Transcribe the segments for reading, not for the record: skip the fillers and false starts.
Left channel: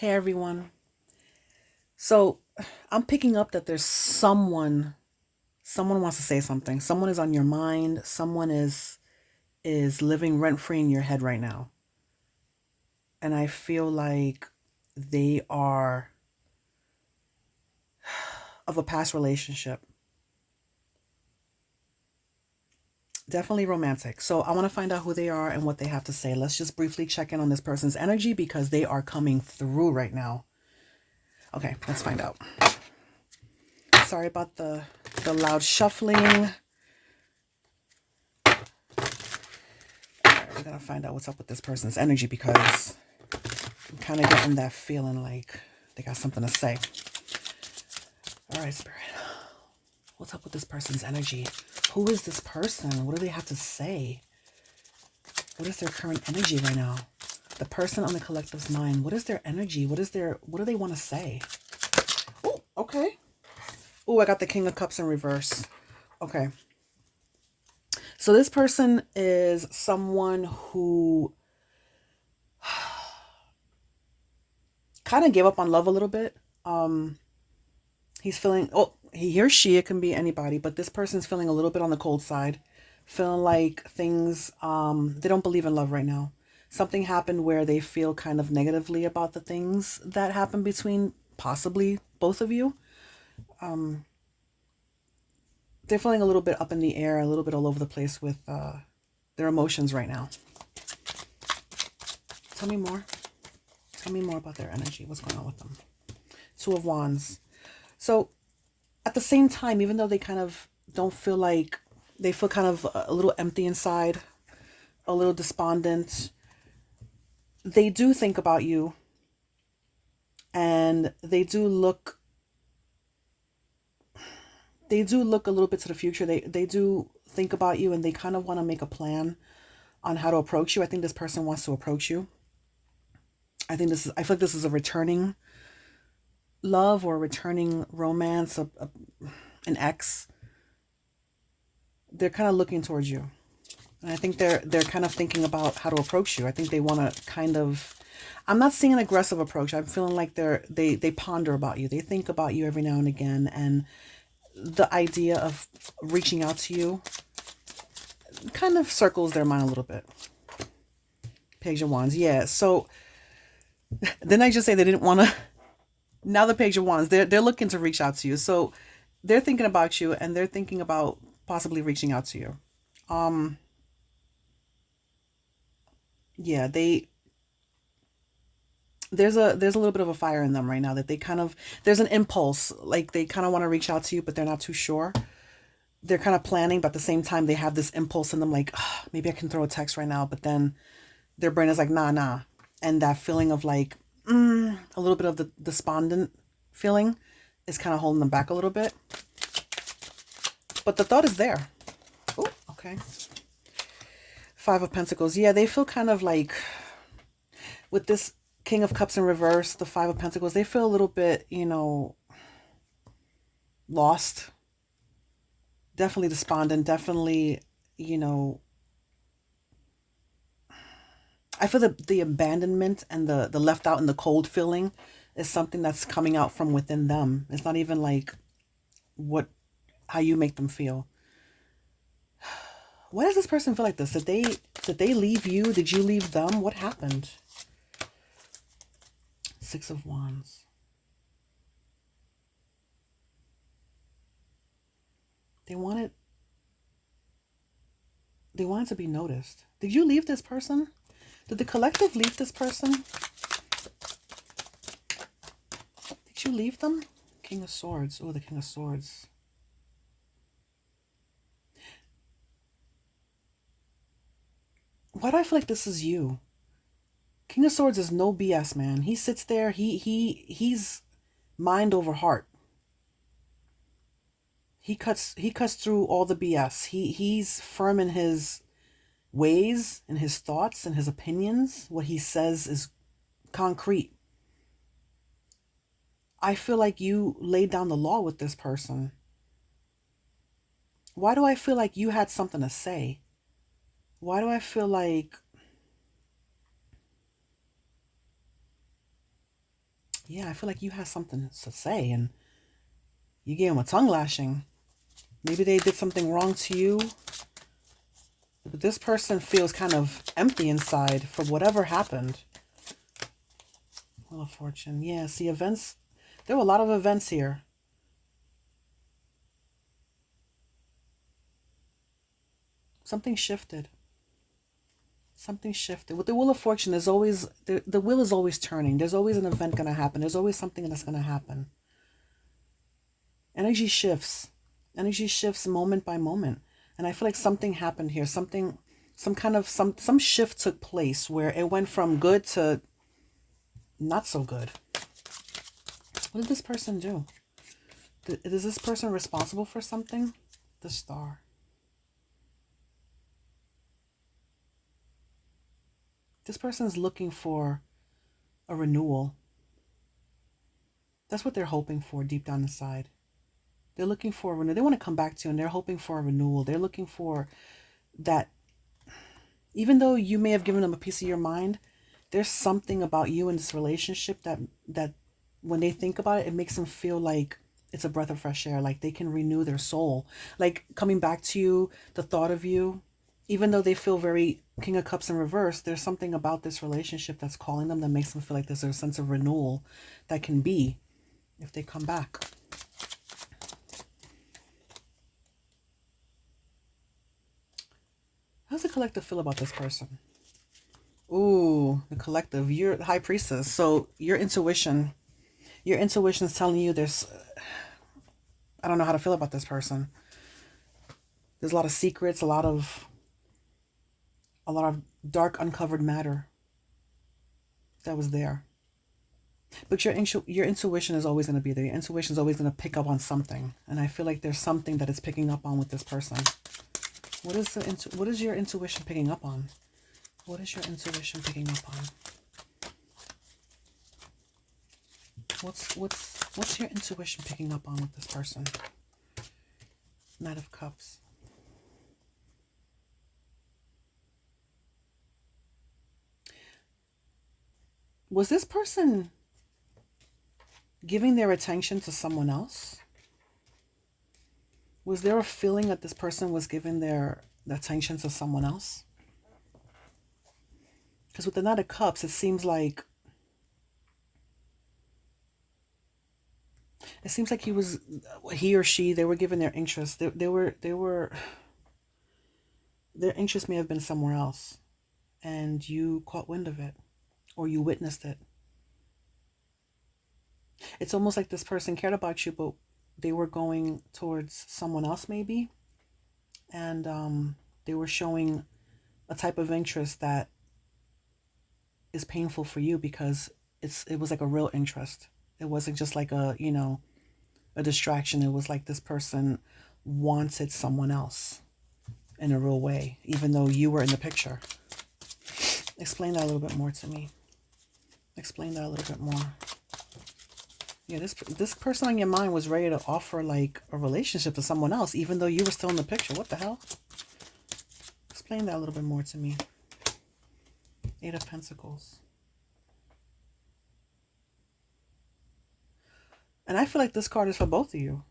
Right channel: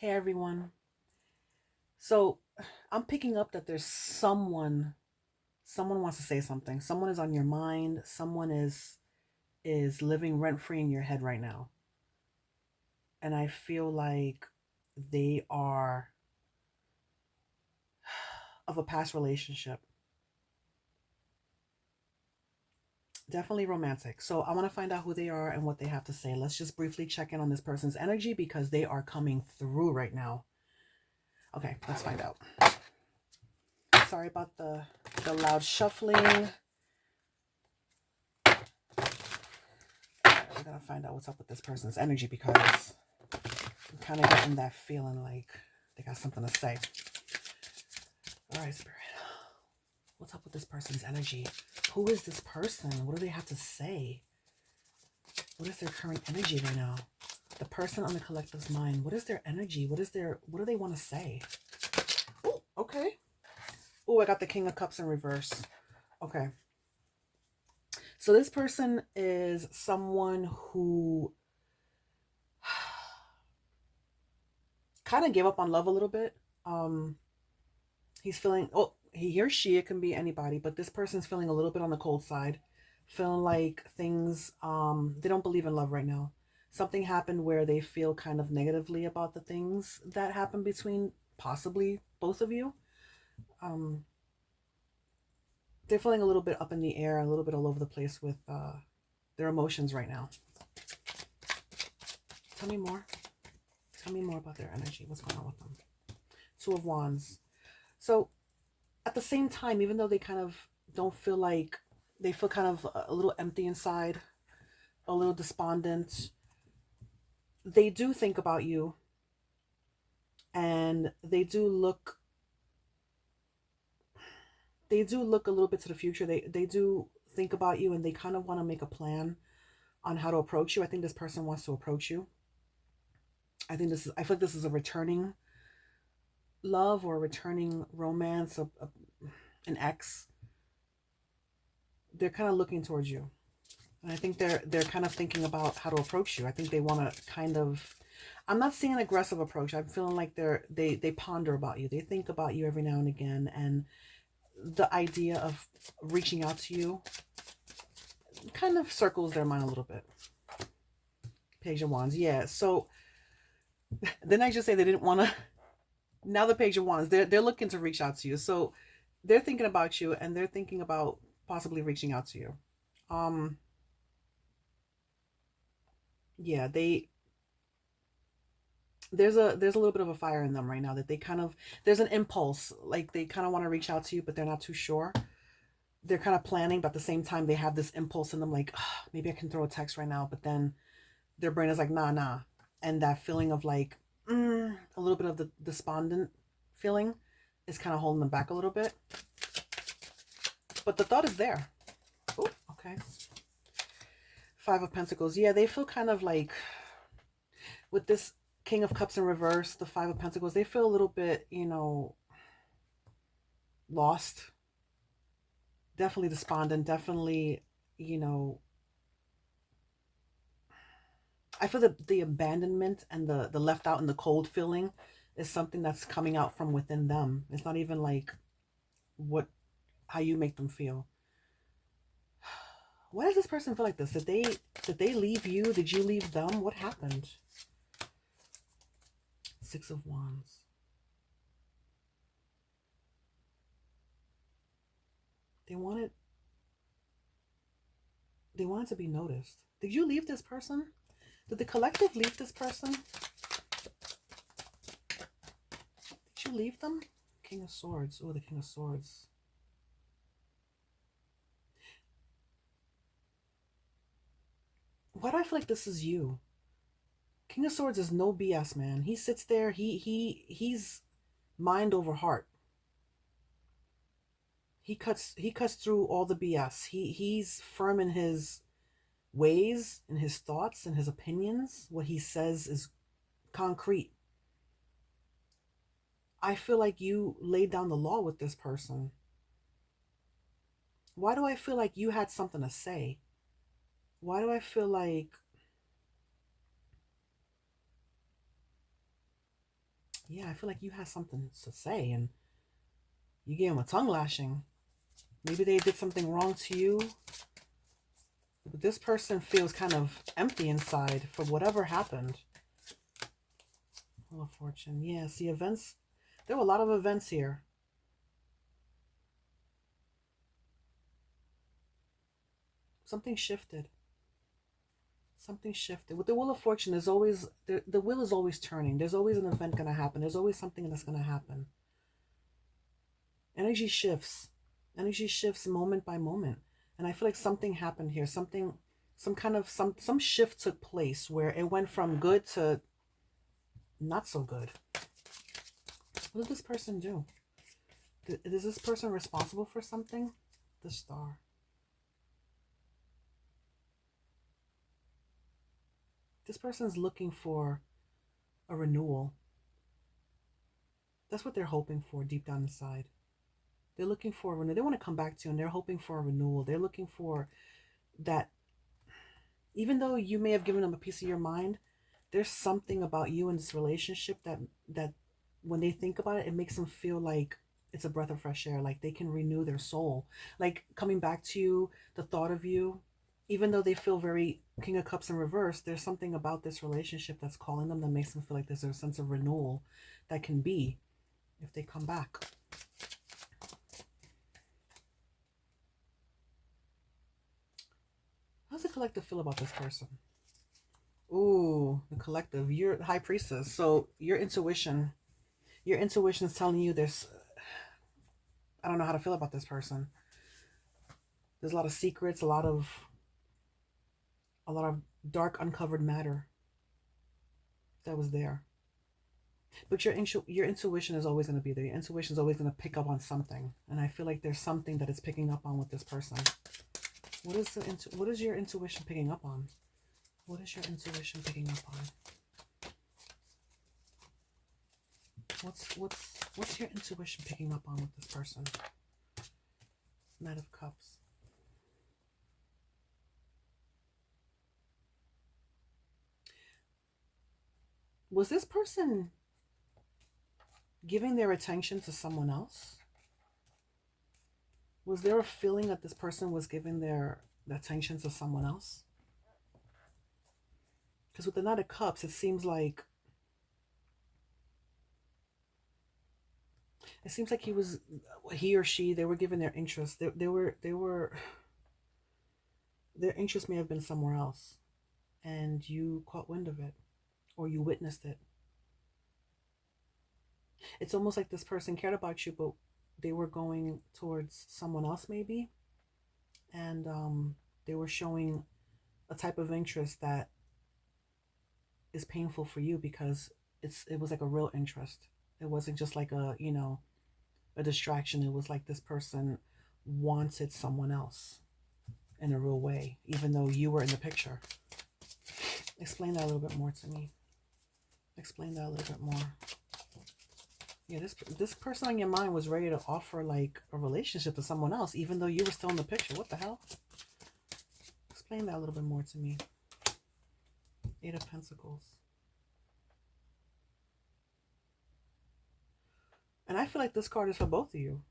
Hey everyone. So I'm picking up that there's someone wants to say something. Someone is on your mind. Someone is living rent free in your head right now. And I feel like they are of a past relationship. Definitely romantic. So I want to find out who they are and what they have to say. Let's just briefly check in on this person's energy because they are coming through right now. Okay, let's find out. Sorry about the loud shuffling. We're gonna find out what's up with this person's energy because I'm kind of getting that feeling like they got something to say. All right, Spirit. What's up with this person's energy? Who is this person? What do they have to say? What is their current energy right now? The person on the collective's mind. What is their energy? What do they want to say? Oh, okay. Oh, I got the King of Cups in reverse. Okay. So this person is someone who kind of gave up on love a little bit. He's feeling, oh, he or she, it can be anybody, but this person's feeling a little bit on the cold side, feeling like things, they don't believe in love right now. Something happened where they feel kind of negatively about the things that happened between possibly both of you. Um, they're feeling a little bit up in the air, a little bit all over the place with their emotions right now. Tell me more. Tell me more about their energy. What's going on with them? Two of Wands. So at the same time, even though they kind of don't feel like they feel kind of a little empty inside, a little despondent, they do think about you and they do look a little bit to the future. They do think about you and they kind of want to make a plan on how to approach you. I think this person wants to approach you. I feel like this is a returning love or a returning romance, an ex. They're kind of looking towards you. And I think they're kind of thinking about how to approach you. I think they want to kind of, I'm not seeing an aggressive approach. I'm feeling like they ponder about you. They think about you every now and again, and the idea of reaching out to you kind of circles their mind a little bit. Page of Wands. Yeah. So then I just say they didn't want to. Now the Page of Wands. They're looking to reach out to you. So they're thinking about you and they're thinking about possibly reaching out to you. Um yeah, there's a little bit of a fire in them right now that they kind of, there's an impulse like they kind of want to reach out to you but they're not too sure. They're kind of planning but at the same time they have this impulse in them like, maybe I can throw a text right now, but then their brain is like, nah. And that feeling of like, a little bit of the despondent feeling is kind of holding them back a little bit, but the thought is there. Oh, okay. Five of Pentacles. Yeah, they feel kind of like with this King of Cups in reverse, the Five of Pentacles, they feel a little bit, lost. Definitely despondent. Definitely, you know, I feel that the abandonment and the left out and the cold feeling is something that's coming out from within them. It's not even like what how you make them feel. Why does this person feel like this? Did they leave you? Did you leave them? What happened? Six of Wands. They wanted they wanted to be noticed. Did you leave this person? Did the collective leave this person? Did you leave them? King of Swords. Oh, the King of Swords. Why do I feel like this is you? King of Swords is no BS, man. He sits there. He's mind over heart. He cuts through all the BS. He's firm in his ways and his thoughts and his opinions. What he says is concrete. I feel like you laid down the law with this person. Why do I feel like you had something to say? Why do I feel like Yeah, I feel like you had something to say and you gave them a tongue lashing. Maybe they did something wrong to you, but this person feels kind of empty inside for whatever happened. Wheel of Fortune. Yeah, see, events. There were a lot of events here. Something shifted. Something shifted. With the Wheel of Fortune, there's always the wheel is always turning. There's always an event gonna happen. There's always something that's gonna happen. Energy shifts. Energy shifts moment by moment. And I feel like something happened here. Something, some shift took place where it went from good to not so good. What did this person do? Is this person responsible for something? The Star. This person's looking for a renewal. That's what they're hoping for deep down inside. They're looking for a renewal. They want to come back to you and they're hoping for a renewal. They're looking for that. Even though you may have given them a piece of your mind, there's something about you in this relationship that when they think about it, it makes them feel like it's a breath of fresh air, like they can renew their soul. Like coming back to you, the thought of you, even though they feel very King of Cups in reverse, there's something about this relationship that's calling them that makes them feel like there's a sense of renewal that can be if they come back. How's the collective feel about this person? Ooh, the collective. You're the High Priestess. So your intuition is telling you there's, I don't know how to feel about this person. There's a lot of secrets, a lot of dark uncovered matter that was there. But your intuition is always going to be there. Your intuition is always going to pick up on something, and I feel like there's something that it's picking up on with this person. What is your intuition picking up on? What is your intuition picking up on? What's your intuition picking up on with this person? Knight of Cups. Was this person giving their attention to someone else? Was there a feeling that this person was giving their attention to someone else? Because with the Knight of Cups, it seems like he or she, they were giving their interest. Their interest may have been somewhere else, and you caught wind of it, or you witnessed it. It's almost like this person cared about you, but they were going towards someone else maybe, and they were showing a type of interest that is painful for you because it was like a real interest. It wasn't just like a distraction. It was like this person wanted someone else in a real way, even though you were in the picture. Explain that a little bit more to me. Explain that a little bit more. Yeah, this person on your mind was ready to offer like a relationship to someone else, even though you were still in the picture. What the hell? Explain that a little bit more to me. Eight of Pentacles. And I feel like this card is for both of you.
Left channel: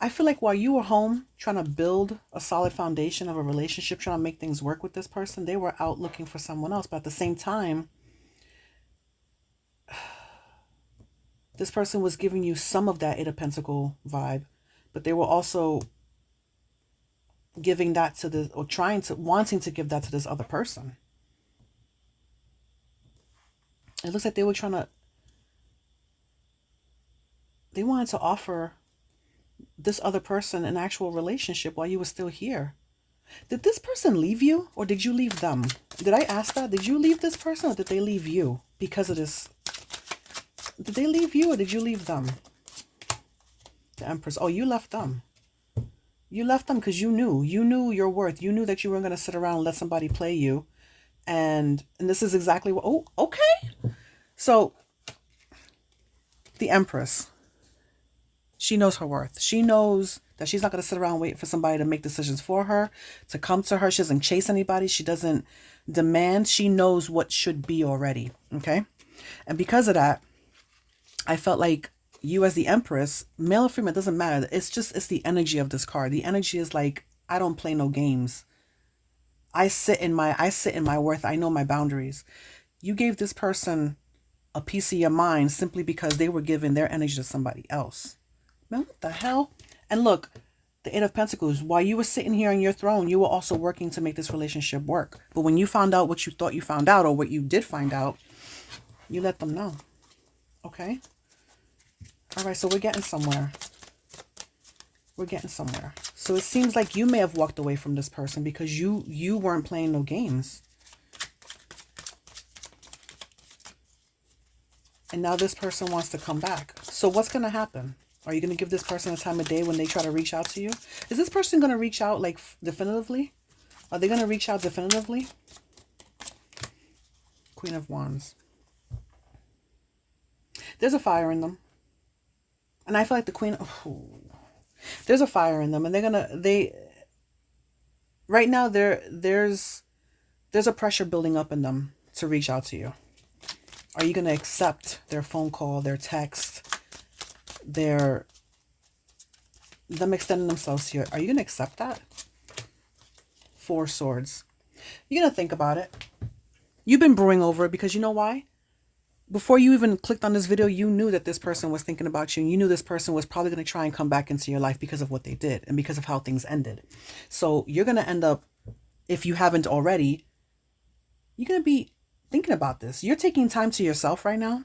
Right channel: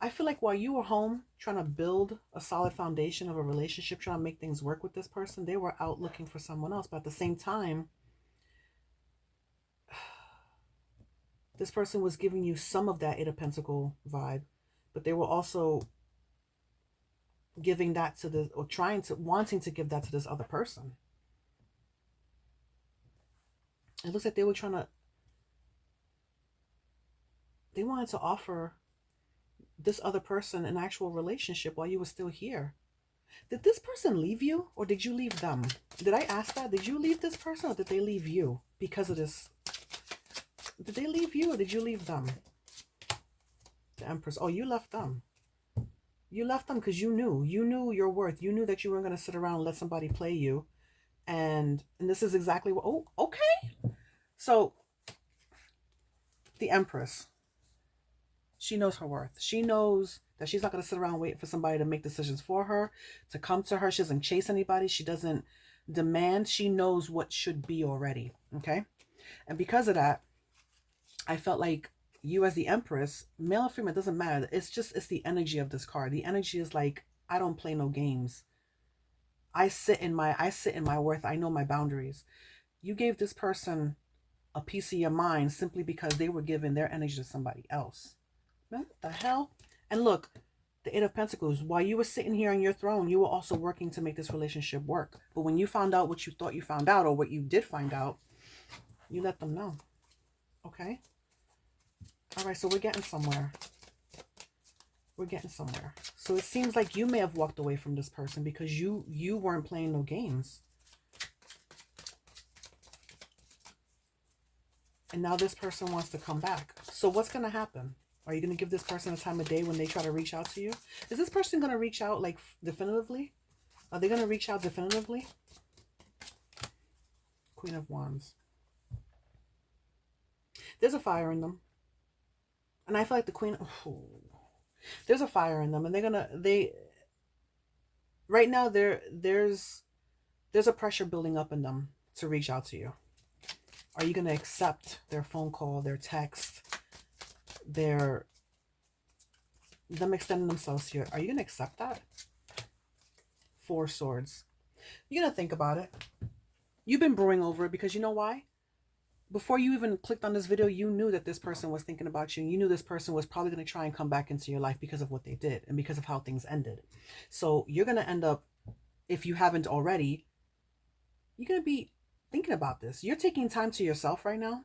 I feel like while you were home trying to build a solid foundation of a relationship, trying to make things work with this person, they were out looking for someone else. But at the same time, this person was giving you some of that Eight of Pentacle vibe, but they were also giving that to this, or wanting to give that to this other person. It looks like they wanted to offer this other person an actual relationship while you were still here. Did this person leave you, or did you leave them? Did I ask that? Did you leave this person, or did they leave you because of this? Did they leave you, or did you leave them? The Empress. Oh, you left them. You left them because you knew your worth. You knew that you weren't going to sit around and let somebody play you. And this is exactly what, oh, okay. So the Empress, she knows her worth. She knows that she's not going to sit around and wait for somebody to make decisions for her, to come to her. She doesn't chase anybody. She doesn't Demand, she knows what should be already. Okay. And because of that, I felt like you as the Empress, male or female, doesn't matter. It's the energy of this card. The energy is like, I don't play no games. I sit in my worth. I know my boundaries. You gave this person a piece of your mind simply because they were giving their energy to somebody else. Man, what the hell? And look, the Eight of Pentacles, while you were sitting here on your throne, you were also working to make this relationship work. But when you found out what you thought you found out, or what you did find out, you let them know. Okay? All right, so we're getting somewhere. We're getting somewhere. So it seems like you may have walked away from this person because you weren't playing no games. And now this person wants to come back. So what's going to happen? Are you going to give this person a time of day when they try to reach out to you? Is this person going to reach out like definitively? Are they going to reach out definitively? Queen of Wands. There's a fire in them. And I feel like the Queen... Oh, there's a fire in them. And right now, there's a pressure building up in them to reach out to you. Are you going to accept their phone call, their text, them extending themselves to you? Are you going to accept that? Four Swords. You're going to think about it. You've been brewing over it because you know why? Before you even clicked on this video, you knew that this person was thinking about you. And you knew this person was probably going to try and come back into your life because of what they did and because of how things ended. So you're going to end up, if you haven't already, you're going to be thinking about this. You're taking time to yourself right now.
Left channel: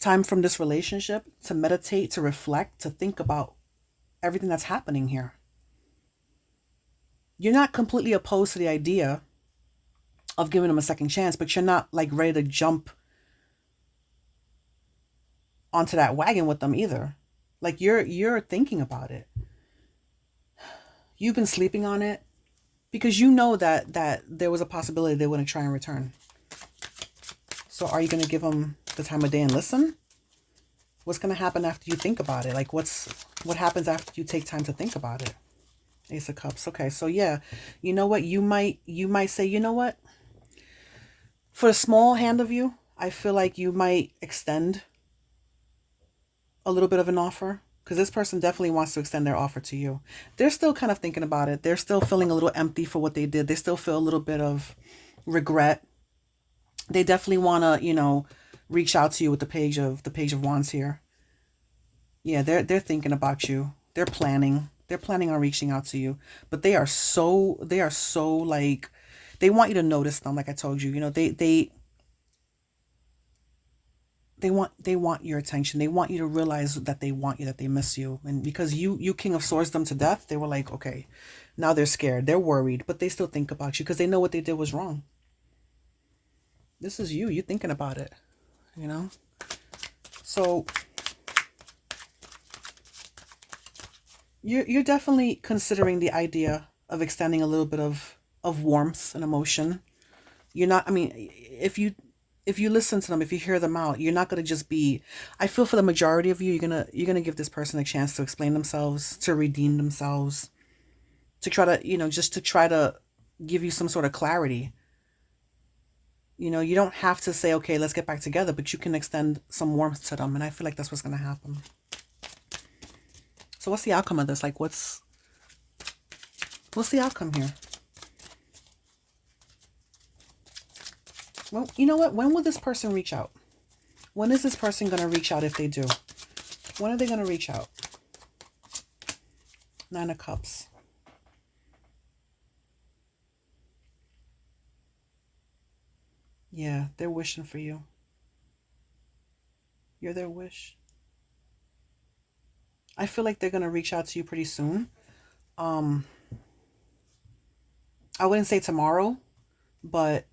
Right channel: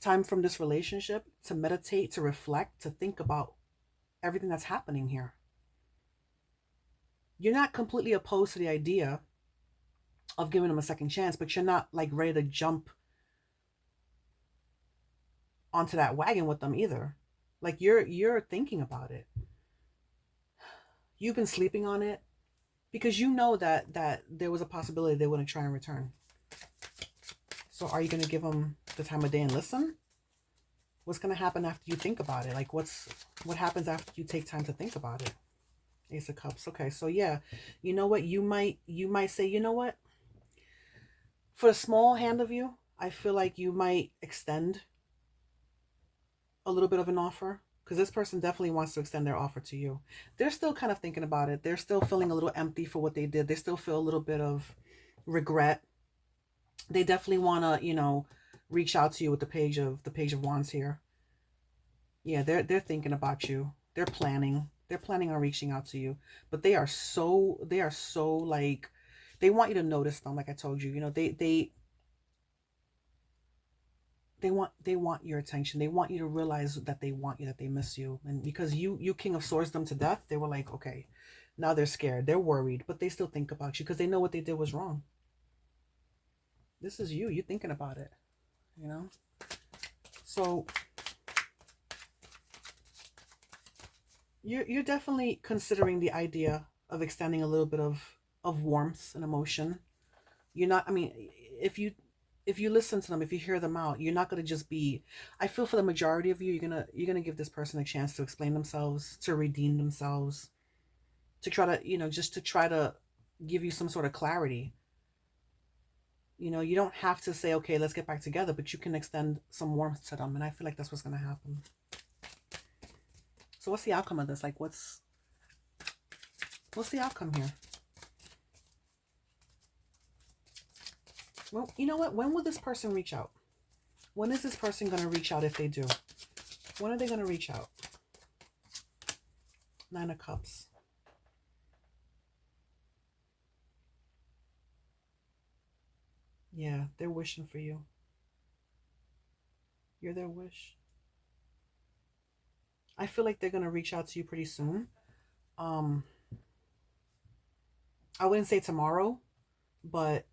Time from this relationship to meditate, to reflect, to think about everything that's happening here. You're not completely opposed to the idea of giving them a second chance, but you're not like ready to jump onto that wagon with them either. Like you're thinking about it. You've been sleeping on it because you know that there was a possibility they wouldn't try and return. So are you going to give them the time of day and listen? What's going to happen after you think about it? Like what happens after you take time to think about it? Ace of Cups. Okay, so yeah, you know what? You might say, you know what? For a small hand of you, I feel like you might extend a little bit of an offer because this person definitely wants to extend their offer to you. They're still kind of thinking about it. They're still feeling a little empty for what they did. They still feel a little bit of regret. They definitely want to, reach out to you with the page of Wands here. Yeah, they're thinking about you. They're planning on reaching out to you, but they are so like, they want you to notice them. Like I told you, they want your attention. They want you to realize that they want you, that they miss you. And because you King of Swords them to death, they were like, okay, now they're scared. They're worried, but they still think about you because they know what they did was wrong. This is you. You're thinking about it, So you're definitely considering the idea of extending a little bit of warmth and emotion. You're not, if you listen to them, if you hear them out, you're not going to just be, I feel for the majority of you, you're going to give this person a chance to explain themselves, to redeem themselves, to try to, just to try to give you some sort of clarity. You don't have to say, okay, let's get back together, but you can extend some warmth to them. And I feel like that's what's going to happen. So what's the outcome of this? Like what's the outcome here? Well, you know what? When will this person reach out? When is this person going to reach out if they do? When are they going to reach out? Nine of Cups. Yeah, they're wishing for you. You're their wish. I feel like they're going to reach out to you pretty soon. I wouldn't say tomorrow, but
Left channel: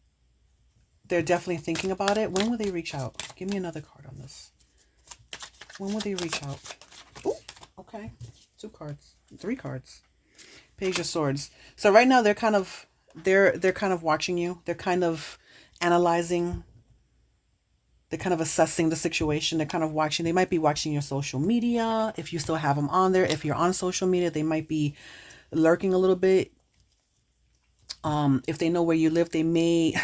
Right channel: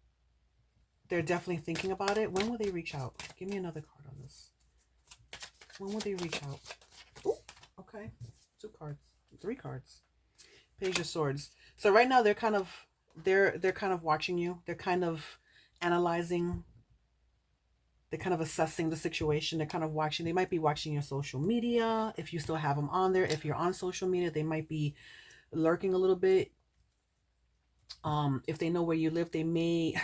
they're definitely thinking about it. When will they reach out? Give me another card on this. When will they reach out? Ooh, okay. 2 cards. 3 cards. Page of Swords. So right now they're kind of watching you. They're kind of analyzing. They're kind of assessing the situation. They're kind of watching. They might be watching your social media. If you still have them on there. If you're on social media, they might be lurking a little bit. If they know where you live, they may,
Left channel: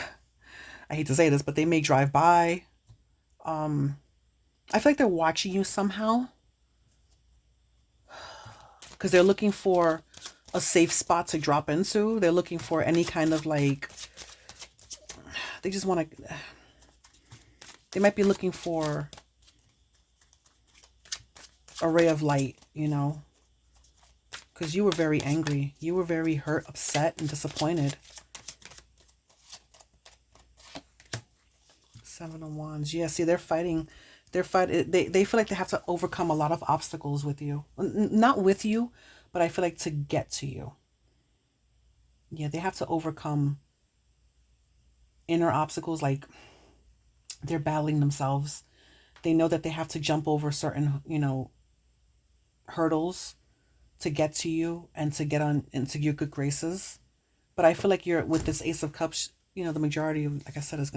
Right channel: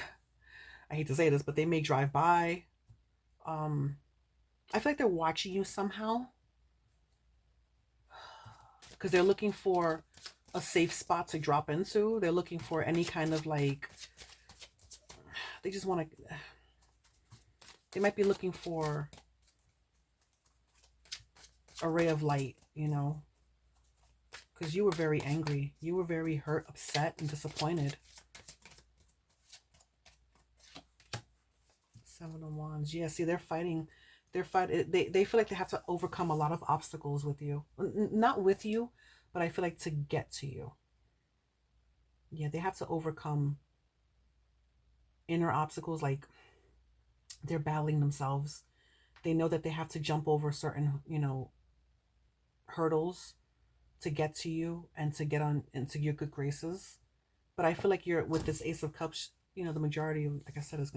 I hate to say this, but they may drive by. Um, I feel like they're watching you somehow because they're looking for a safe spot to drop into. They're looking for any kind of like, they just want to, they might be looking for a ray of light, you know, because you were very angry. You were very hurt, upset, and disappointed. Seven of Wands. Yeah, see, they're fighting. They feel like they have to overcome a lot of obstacles with you. Not with you, but I feel like to get to you. Yeah, they have to overcome inner obstacles, like they're battling themselves. They know that they have to jump over certain, hurdles to get to you and to get on into your good graces. But I feel like you're with this Ace of Cups, the majority, like I said, is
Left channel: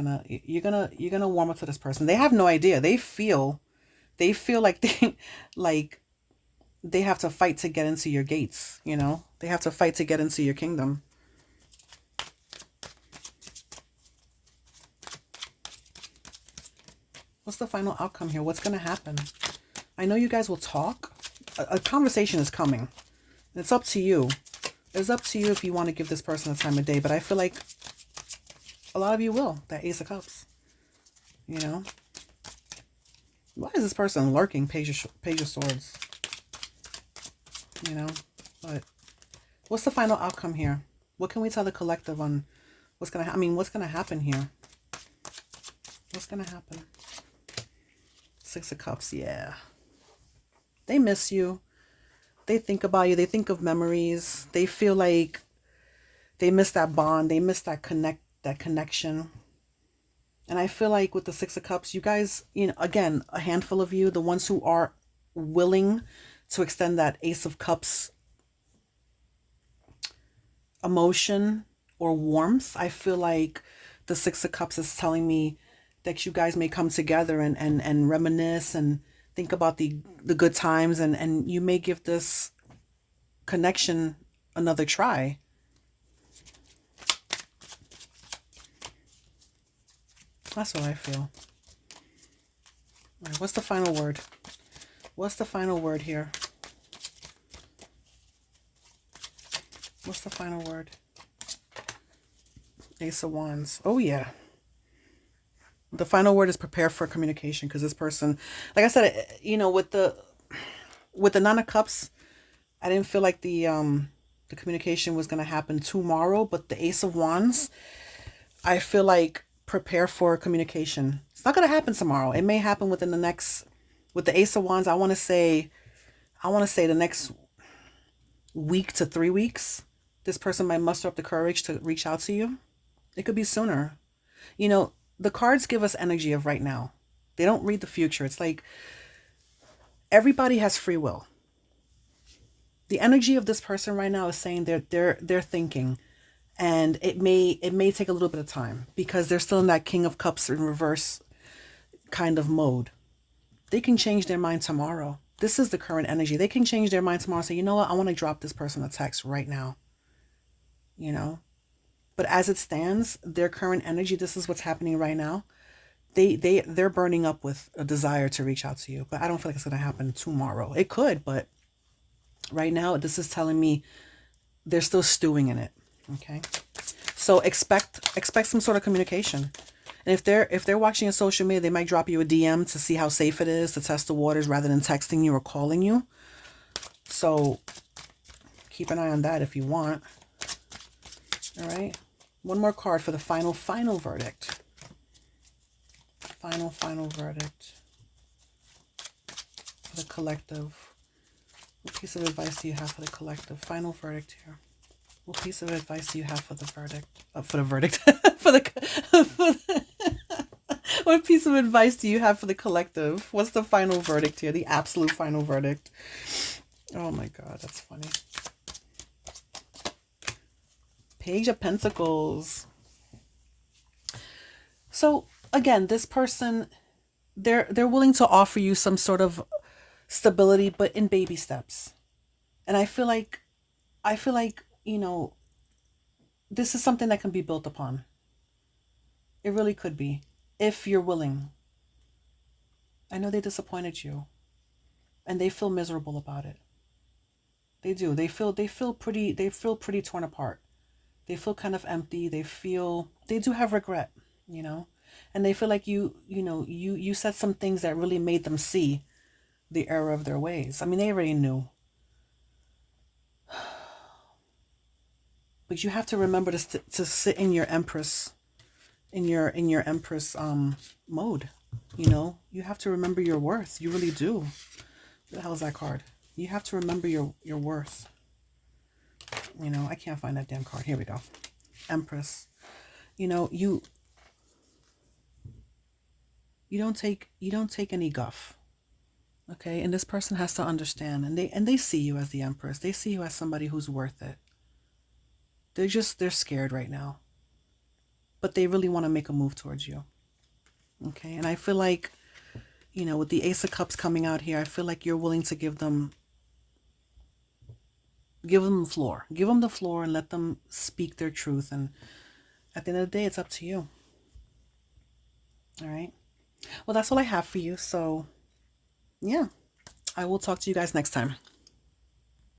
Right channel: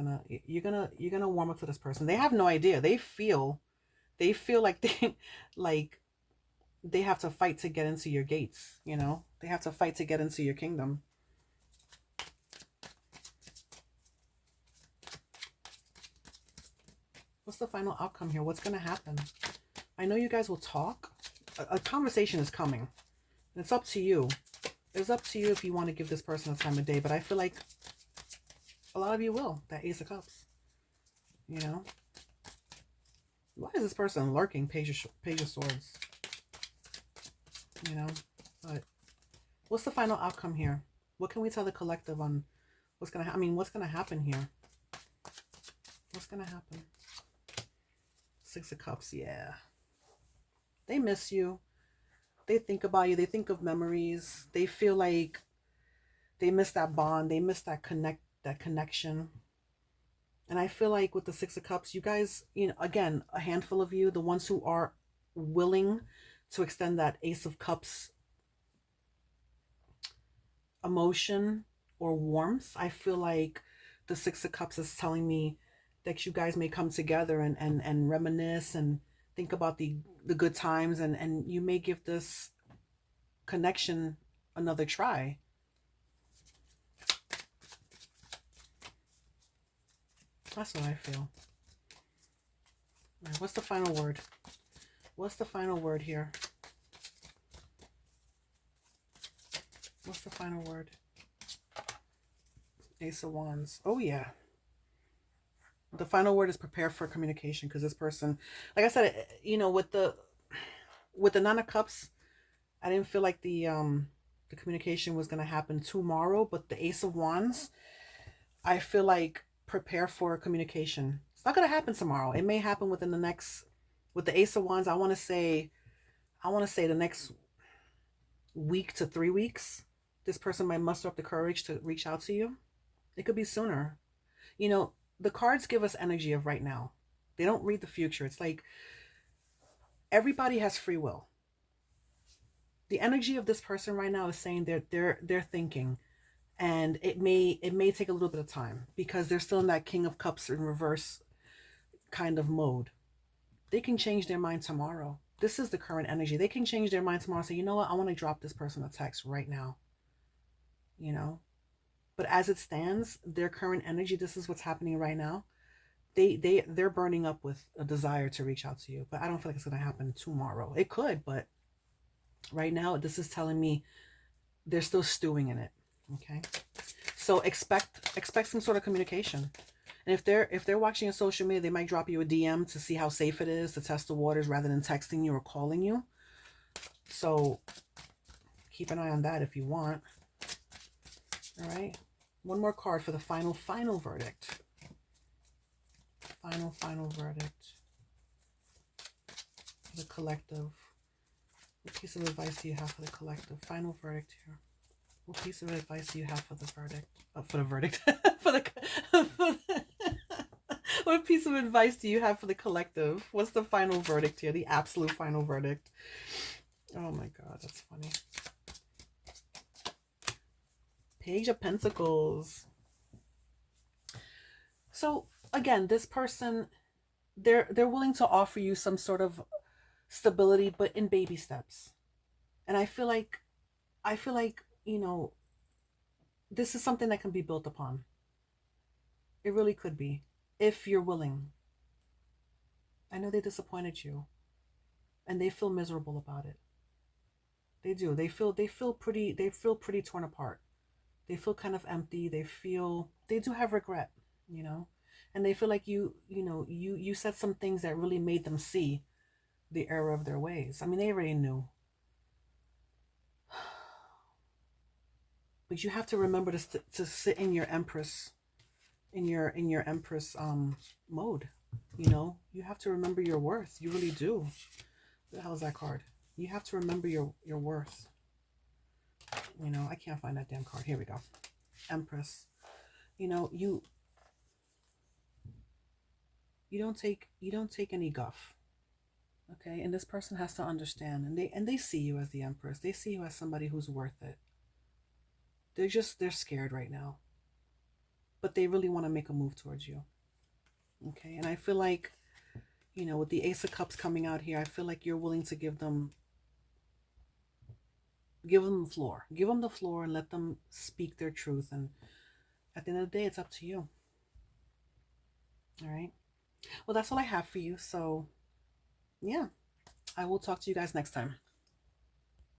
you're gonna warm up to this person. They have no idea. They feel like like they have to fight to get into your gates, They have to fight to get into your kingdom. What's the final outcome here? What's going to happen? I know you guys will talk. A conversation is coming. It's up to you. It's up to you if you want to give this person a time of day, but I feel like a lot of you will. That Ace of Cups. Why is this person lurking? Page of Swords. But what's the final outcome here? What can we tell the collective on what's going to what's going to happen here? What's going to happen? Six of Cups, yeah. They miss you. They think about you. They think of memories. They feel like they miss that bond. They miss that connection. And I feel like with the Six of Cups, you guys, again, a handful of you, the ones who are willing to extend that Ace of Cups emotion or warmth, I feel like the Six of Cups is telling me that you guys may come together and reminisce and think about the good times, and you may give this connection another try. That's what I feel. All right, what's the final word? What's the final word here? What's the final word? Ace of Wands. Oh, yeah. The final word is prepare for communication, because this person, like I said, with the Nine of Cups, I didn't feel like the communication was going to happen tomorrow, but the Ace of Wands, I feel like prepare for communication. It's not going to happen tomorrow. It may happen within the next, with the Ace of Wands, I want to say the next week to 3 weeks, this person might muster up the courage to reach out to you. It could be sooner. The cards give us energy of right now. They don't read the future. It's like everybody has free will. The energy of this person right now is saying they're thinking, and it may take a little bit of time because they're still in that King of Cups in reverse kind of mode. They can change their mind tomorrow. This is the current energy. They can change their mind tomorrow and say, you know what, I want to drop this person a text right now. But as it stands, their current energy, this is what's happening right now. They're burning up with a desire to reach out to you, but I don't feel like it's going to happen tomorrow. It could, but right now, this is telling me they're still stewing in it. Okay, so expect some sort of communication. And if they're watching your social media, they might drop you a DM to see how safe it is, to test the waters, rather than texting you or calling you. So keep an eye on that if you want. All right. One more card for the final verdict. Final verdict for the collective. What piece of advice do you have for the collective? Final verdict here. What piece of advice do you have for the verdict? What piece of advice do you have for the collective? What's the final verdict here? The absolute final verdict. Oh my God, that's funny. Page of Pentacles. So again, this person, they're willing to offer you some sort of stability, but in baby steps. And I feel like this is something that can be built upon. It really could be, if you're willing. I know they disappointed you, and they feel miserable about it. They do. They feel pretty torn apart. They feel kind of empty. They do have regret, you know, and they feel like you said some things that really made them see the error of their ways. I mean, they already knew, but you have to remember to sit in your Empress, in your Empress mode. You know, you have to remember your worth. You really do. What the hell is that card? You have to remember your worth. You know, I can't find that damn card. Here we go. Empress. You know, you don't take any guff. Okay? And this person has to understand, and they see you as the Empress. They see you as somebody who's worth it. They're scared right now. But they really want to make a move towards you. Okay? And I feel like, with the Ace of Cups coming out here, I feel like you're willing to give them the floor. Give them the floor and let them speak their truth. And at the end of the day, it's up to you. All right. Well, that's all I have for you. So, yeah, I will talk to you guys next time.